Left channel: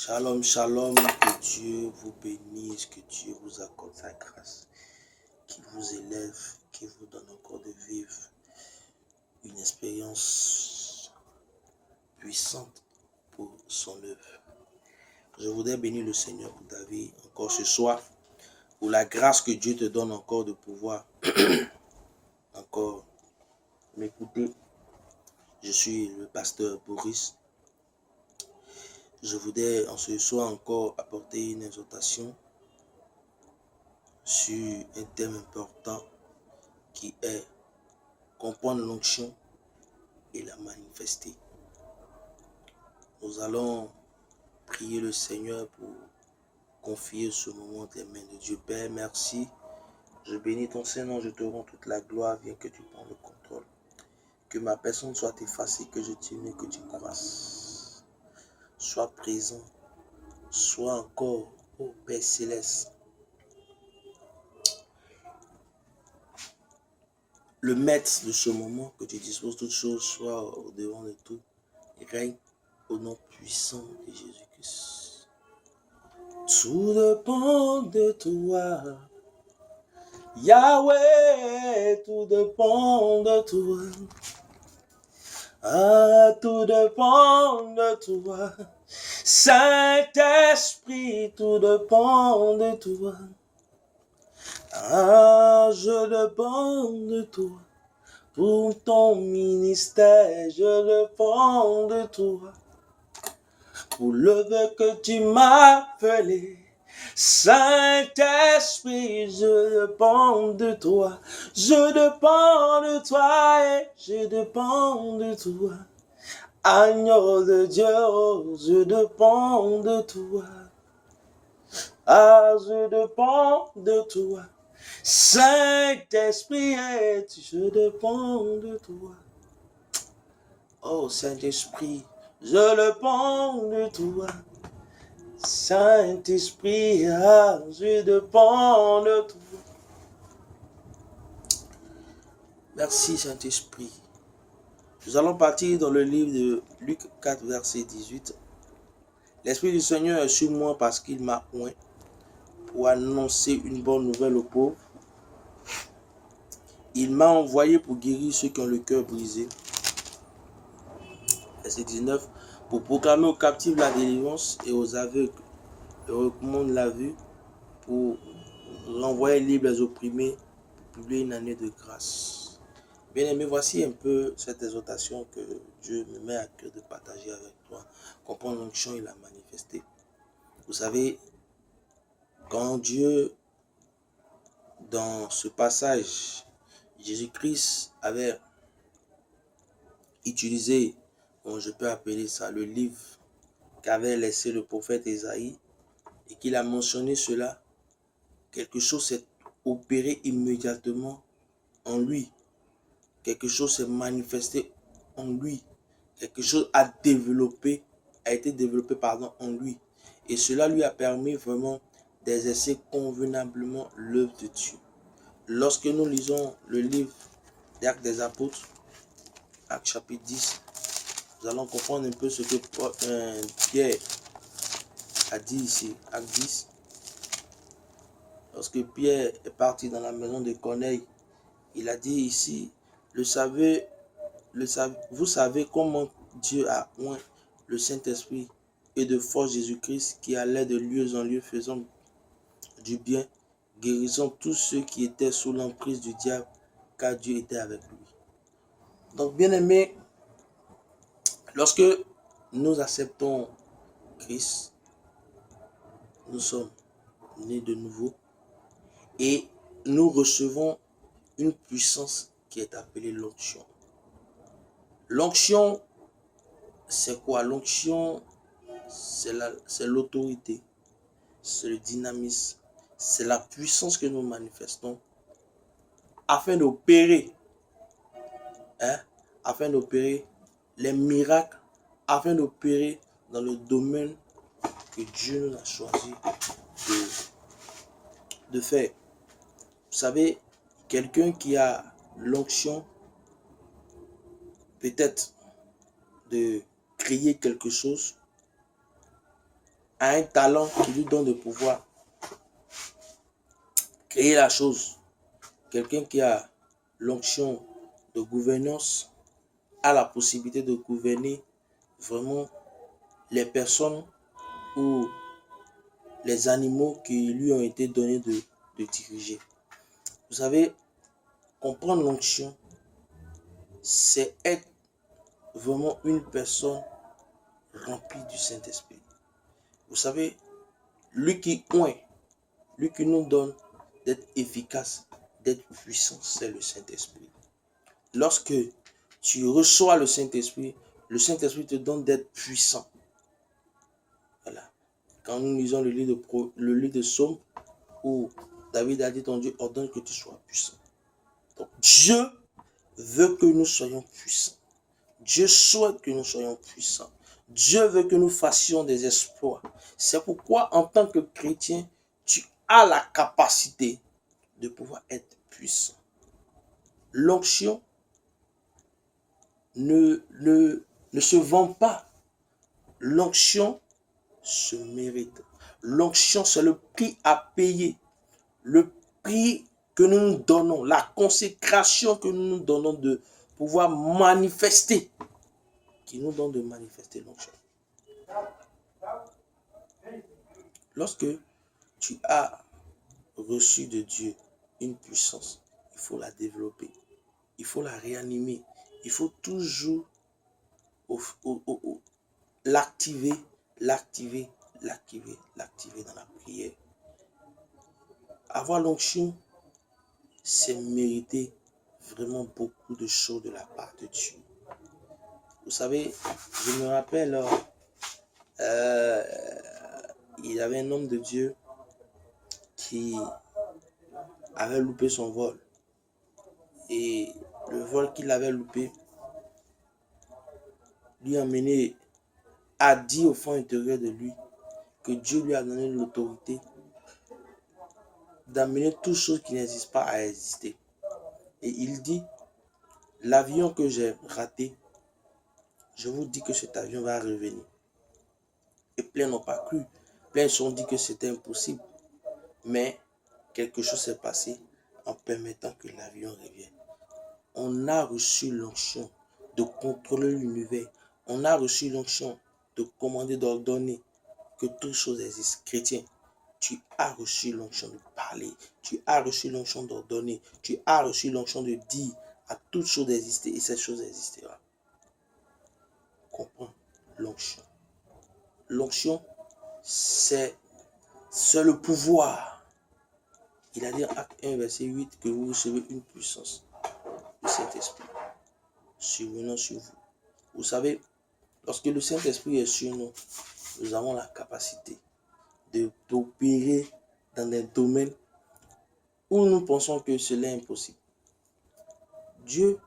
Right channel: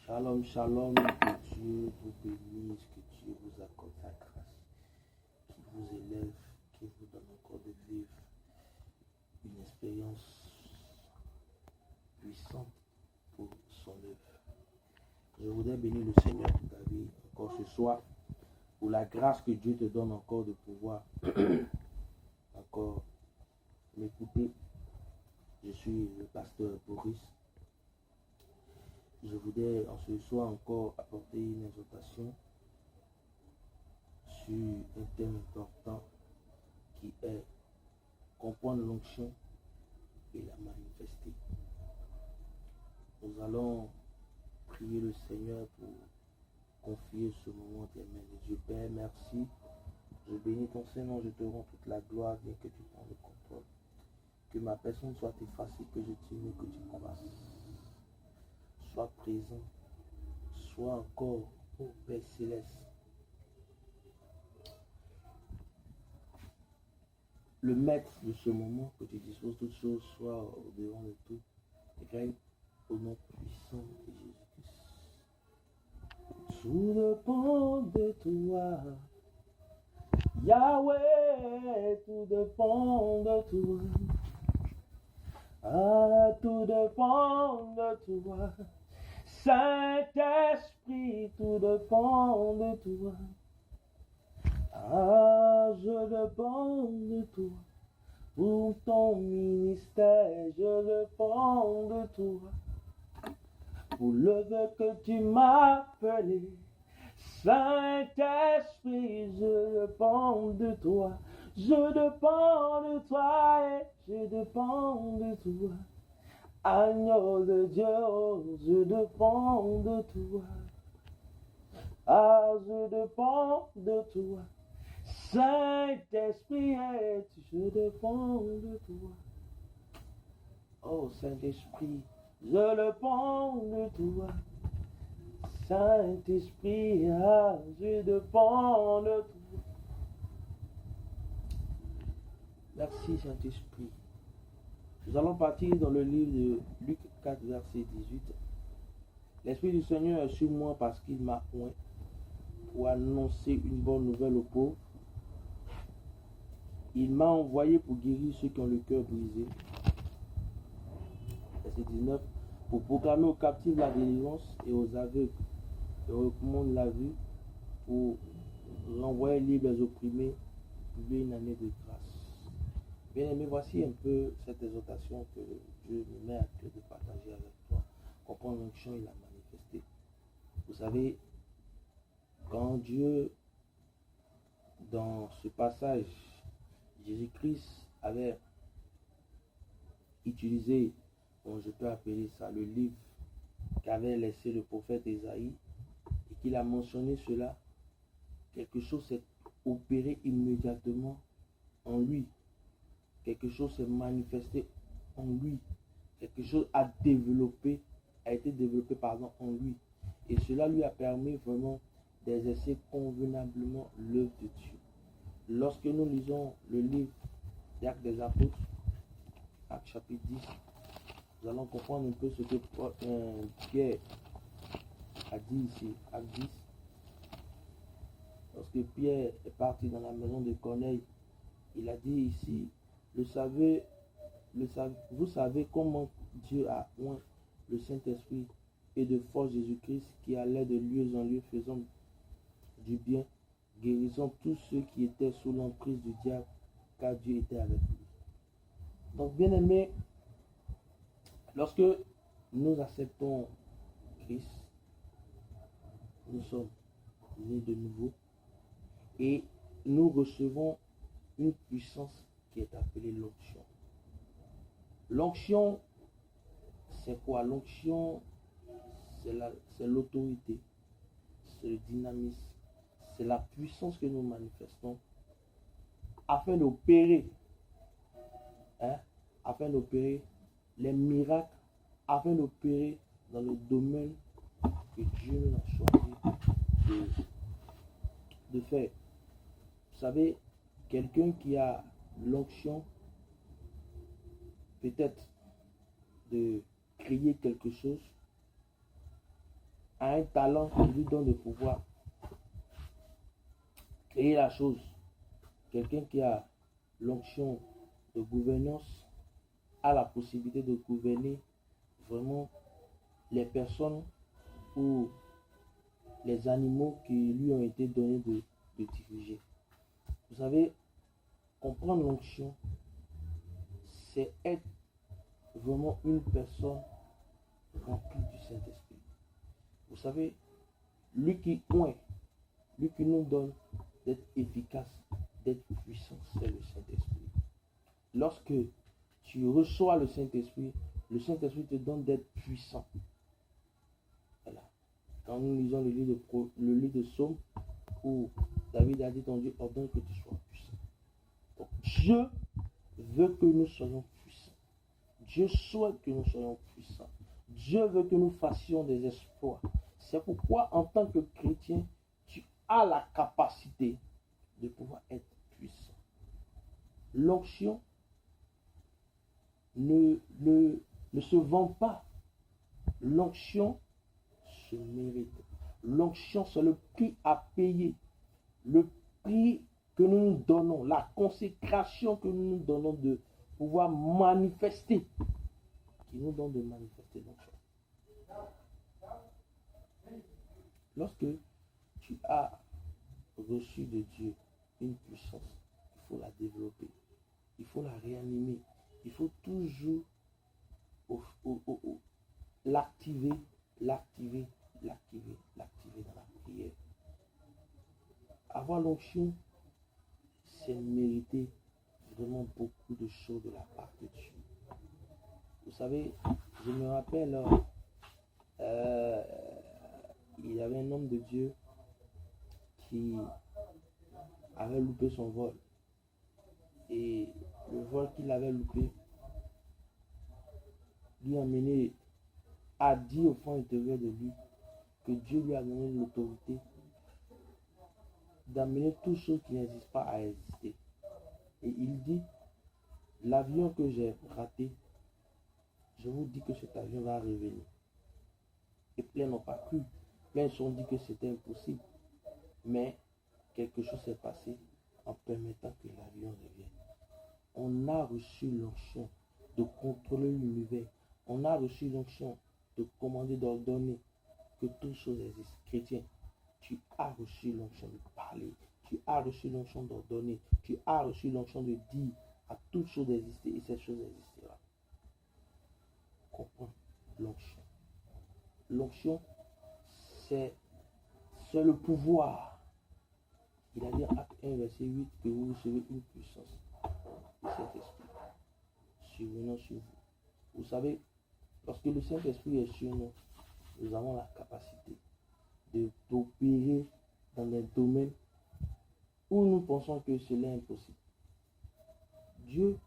Shalom, shalom, que Dieu vous bénisse, que Dieu vous accorde sa grâce, qu'il vous élève, qu'il vous donne encore de vivre une expérience puissante pour son œuvre. Je voudrais bénir le Seigneur pour ta vie encore ce soir, pour la grâce que Dieu te donne encore de pouvoir encore m'écouter. Je suis le pasteur Boris. Je voudrais en ce soir encore apporter une exhortation sur un thème important qui est comprendre l'onction et la manifester. Nous allons prier le Seigneur pour confier ce moment entre les mains de Dieu. Père, merci. Je bénis ton Saint-Nom, je te rends toute la gloire, viens que tu prends le contrôle. Que ma personne soit effacée, que je diminue, que tu croisses. Sois présent, sois encore, ô Père Céleste, le maître de ce moment, que tu disposes toutes choses, soit au devant de tout, et règne au nom puissant de Jésus-Christ. Tout dépend de toi, Yahweh, tout dépend de toi. Ah, tout dépend de toi. Saint-Esprit, tout dépend de toi. Ah, je dépends de toi. Pour ton ministère, je dépends de toi. Pour le vœu que tu m'as appelé, Saint-Esprit, je dépends de toi. Je dépends de toi et je dépends de toi. Agneau de Dieu, je dépends de toi. Ah, je dépends de toi. Saint-Esprit, je dépends de toi. Oh Saint-Esprit, je dépends de toi. Saint-Esprit, je dépends de toi. Merci Saint-Esprit. Nous allons partir dans le livre de Luc 4, verset 18. L'Esprit du Seigneur est sur moi parce qu'il m'a oint pour annoncer une bonne nouvelle aux pauvres. Il m'a envoyé pour guérir ceux qui ont le cœur brisé. Verset 19. Pour proclamer aux captifs la délivrance et aux aveugles et recommande la vue, pour renvoyer libres les opprimés, pour publier une année de grâce. Bien-aimé, voici un peu cette exhortation que Dieu me met à cœur de partager avec toi. Comprendre l'onction et la manifester. Vous savez, quand Dieu, dans ce passage, Jésus-Christ avait utilisé, bon, je peux appeler ça le livre qu'avait laissé le prophète Ésaïe, et qu'il a mentionné cela, quelque chose s'est opéré immédiatement en lui. Quelque chose s'est manifesté en lui. Quelque chose a été développé en lui. Et cela lui a permis vraiment d'exercer convenablement l'œuvre de Dieu. Lorsque nous lisons le livre des Actes des Apôtres, Actes chapitre 10, nous allons comprendre un peu ce que Pierre a dit ici, Acte 10. Lorsque Pierre est parti dans la maison de Corneille, il a dit ici, vous savez comment Dieu a oint le Saint-Esprit et de force Jésus-Christ qui allait de lieu en lieu faisant du bien, guérissant tous ceux qui étaient sous l'emprise du diable, car Dieu était avec lui. Donc, bien aimé, lorsque nous acceptons Christ, nous sommes nés de nouveau et nous recevons une puissance qui est appelée l'onction. L'onction, c'est quoi? L'onction, c'est l'autorité, c'est le dynamisme, c'est la puissance que nous manifestons afin d'opérer, les miracles, afin d'opérer dans le domaine que Dieu nous a choisi de faire. Vous savez, quelqu'un qui a l'onction, peut-être de créer quelque chose, a un talent qui lui donne de pouvoir créer la chose. Quelqu'un qui a l'onction de gouvernance a la possibilité de gouverner vraiment les personnes ou les animaux qui lui ont été donnés de diriger. Vous savez, comprendre l'onction, c'est être vraiment une personne remplie du Saint-Esprit. Vous savez, lui qui oint, lui qui nous donne d'être efficace, d'être puissant, c'est le Saint-Esprit. Lorsque tu reçois le Saint-Esprit te donne d'être puissant. Voilà. Quand nous lisons le livre de Psaume, où David a dit, ton Dieu ordonne que tu sois puissant. Donc Dieu veut que nous soyons puissants. Dieu souhaite que nous soyons puissants. Dieu veut que nous fassions des exploits. C'est pourquoi en tant que chrétien, tu as la capacité de pouvoir être puissant. L'onction ne se vend pas. L'onction se mérite. L'onction, c'est le prix à payer. Le prix que nous nous donnons, la consécration que nous nous donnons de pouvoir manifester, qui nous donne de manifester l'onction. Lorsque tu as reçu de Dieu une puissance, il faut la développer, il faut la réanimer, il faut toujours l'activer dans la prière. Avoir l'onction, c'est mériter vraiment beaucoup de choses de la part de Dieu. Vous savez, je me rappelle, il y avait un homme de Dieu qui avait loupé son vol. Et le vol qu'il avait loupé lui a mené à dire au fond intérieur de lui que Dieu lui a donné l'autorité d'amener toutes choses qui n'existent pas à exister. Et il dit, l'avion que j'ai raté, je vous dis que cet avion va revenir. Et plein n'ont pas cru. Plein se sont dit que c'était impossible. Mais quelque chose s'est passé en permettant que l'avion revienne. On a reçu l'onction de contrôler l'univers. On a reçu l'onction de commander, d'ordonner que toutes choses existent. Chrétien, tu as reçu l'onction de parler. Tu as reçu l'onction d'ordonner. Tu as reçu l'onction de dire à toutes choses d'exister et ces choses existeront. Comprends l'onction. L'onction, c'est le pouvoir. Il a dit en Acte 1, verset 8 que vous recevez une puissance du Saint-Esprit survenant sur vous. Vous savez, lorsque le Saint-Esprit est sur nous, nous avons la capacité d'opérer dans des domaines où nous pensons que cela est impossible. Dieu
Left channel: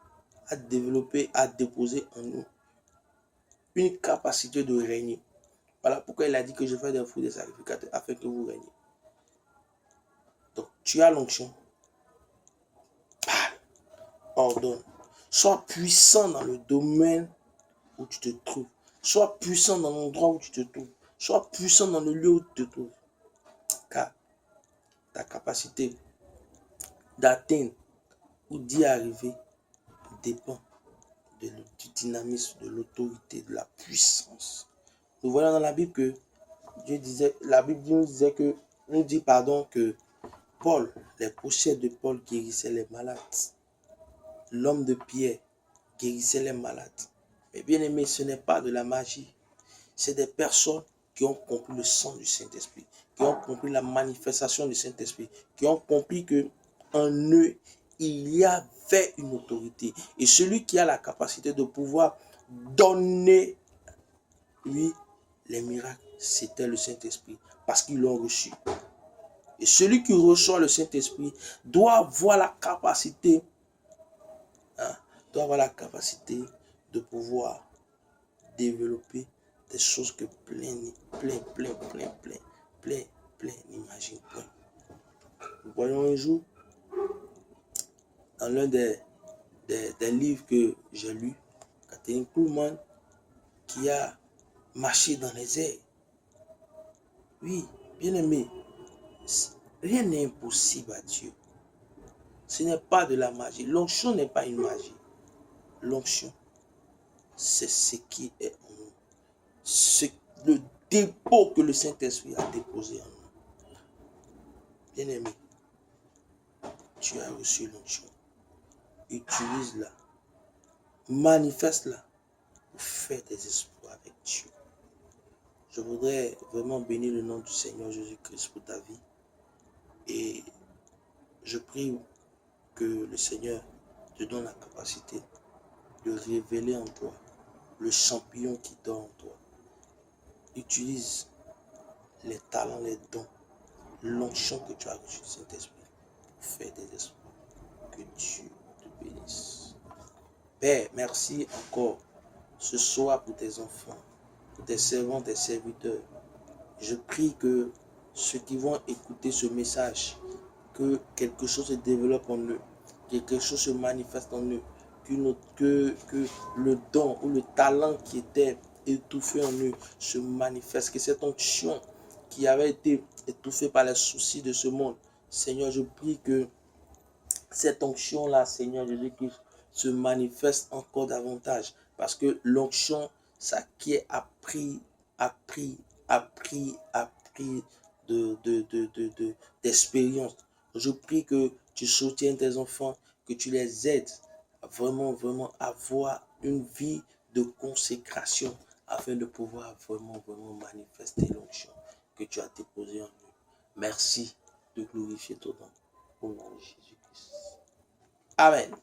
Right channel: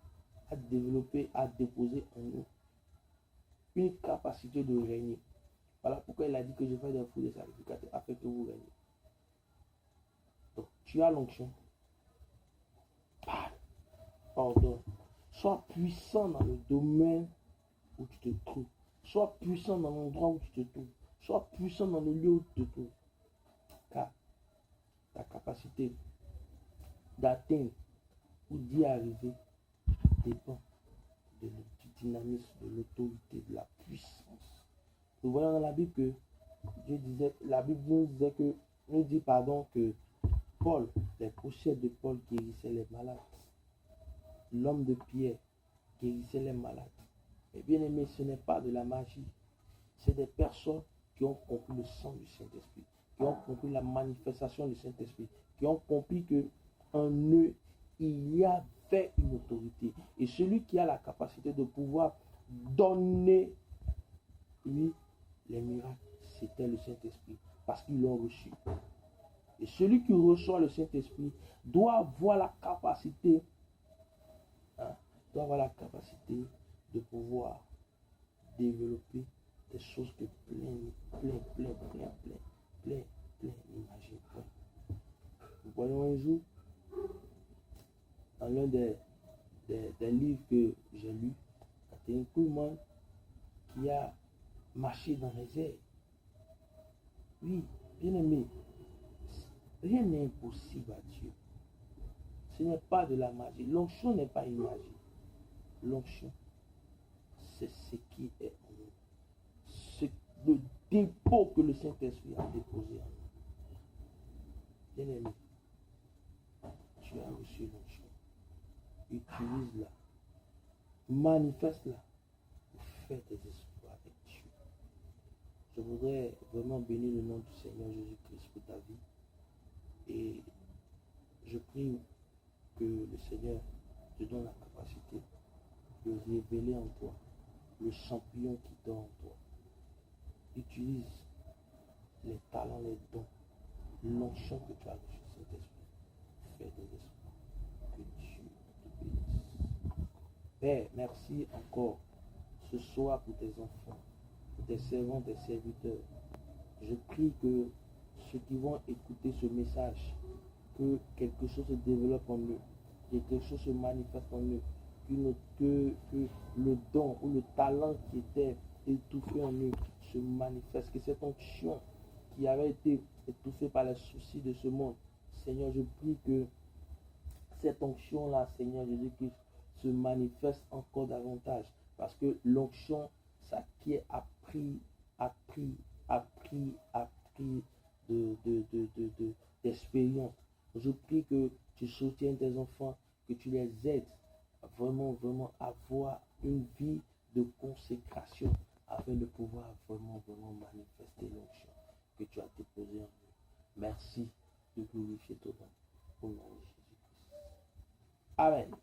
a déposé en nous une capacité de régner. Voilà pourquoi il a dit que je fais des fruits des sacrificateurs afin que vous régniez. Donc, tu as l'onction. Parle, ordonne. Sois puissant dans le domaine où tu te trouves. Sois puissant dans l'endroit où tu te trouves. Sois puissant dans le lieu où tu te trouves. Car ta capacité d'atteindre ou d'y arriver dépend du dynamisme, de l'autorité, de la puissance. Nous voyons dans la Bible que la Bible nous dit que Paul, les pochettes de Paul guérissaient les malades. L'homme de Pierre guérissait les malades. Mais bien aimé, ce n'est pas de la magie. C'est des personnes qui ont compris le sang du Saint-Esprit, qui ont compris la manifestation du Saint-Esprit, qui ont compris que en eux, il y avait une autorité. Et celui qui a la capacité de pouvoir donner, lui, les miracles, c'était le Saint-Esprit, parce qu'ils l'ont reçu. Et celui qui reçoit le Saint-Esprit doit avoir la capacité, de pouvoir développer des choses que plein n'imaginent pas. Nous voyons un jour, dans l'un des livres que j'ai lus, Kathryn Kuhlman qui a marché dans les airs. Oui, bien-aimé, rien n'est impossible à Dieu. Ce n'est pas de la magie. L'onction n'est pas une magie. L'onction, c'est ce qui est en nous. C'est le dépôt que le Saint-Esprit a déposé en nous. Bien-aimé, tu as reçu l'onction. Utilise-la. Manifeste-la pour faire des exploits avec Dieu. Je voudrais vraiment bénir le nom du Seigneur Jésus-Christ pour ta vie. Et je prie que le Seigneur te donne la capacité de révéler en toi le champignon qui dort en toi. Utilise les talents, les dons, l'onction que tu as reçu du Saint-Esprit pour faire des exploits. Que Dieu te bénisse. Père, merci encore ce soir pour tes enfants, pour tes servants, tes serviteurs. Je prie que ceux qui vont écouter ce message, que quelque chose se développe en eux, quelque chose se manifeste en eux, que le don ou le talent qui était étouffé en eux se manifeste, que cette onction qui avait été étouffée par les soucis de ce monde, Seigneur, je prie que cette onction-là, Seigneur Jésus-Christ, se manifeste encore davantage. Parce que l'onction, ça qui est appris d'expérience. Je prie que tu soutiennes tes enfants, que tu les aides vraiment, vraiment à avoir une vie de consécration afin de pouvoir vraiment, vraiment manifester l'onction que tu as déposée en eux. Merci de glorifier ton nom au nom de Jésus-Christ. Amen.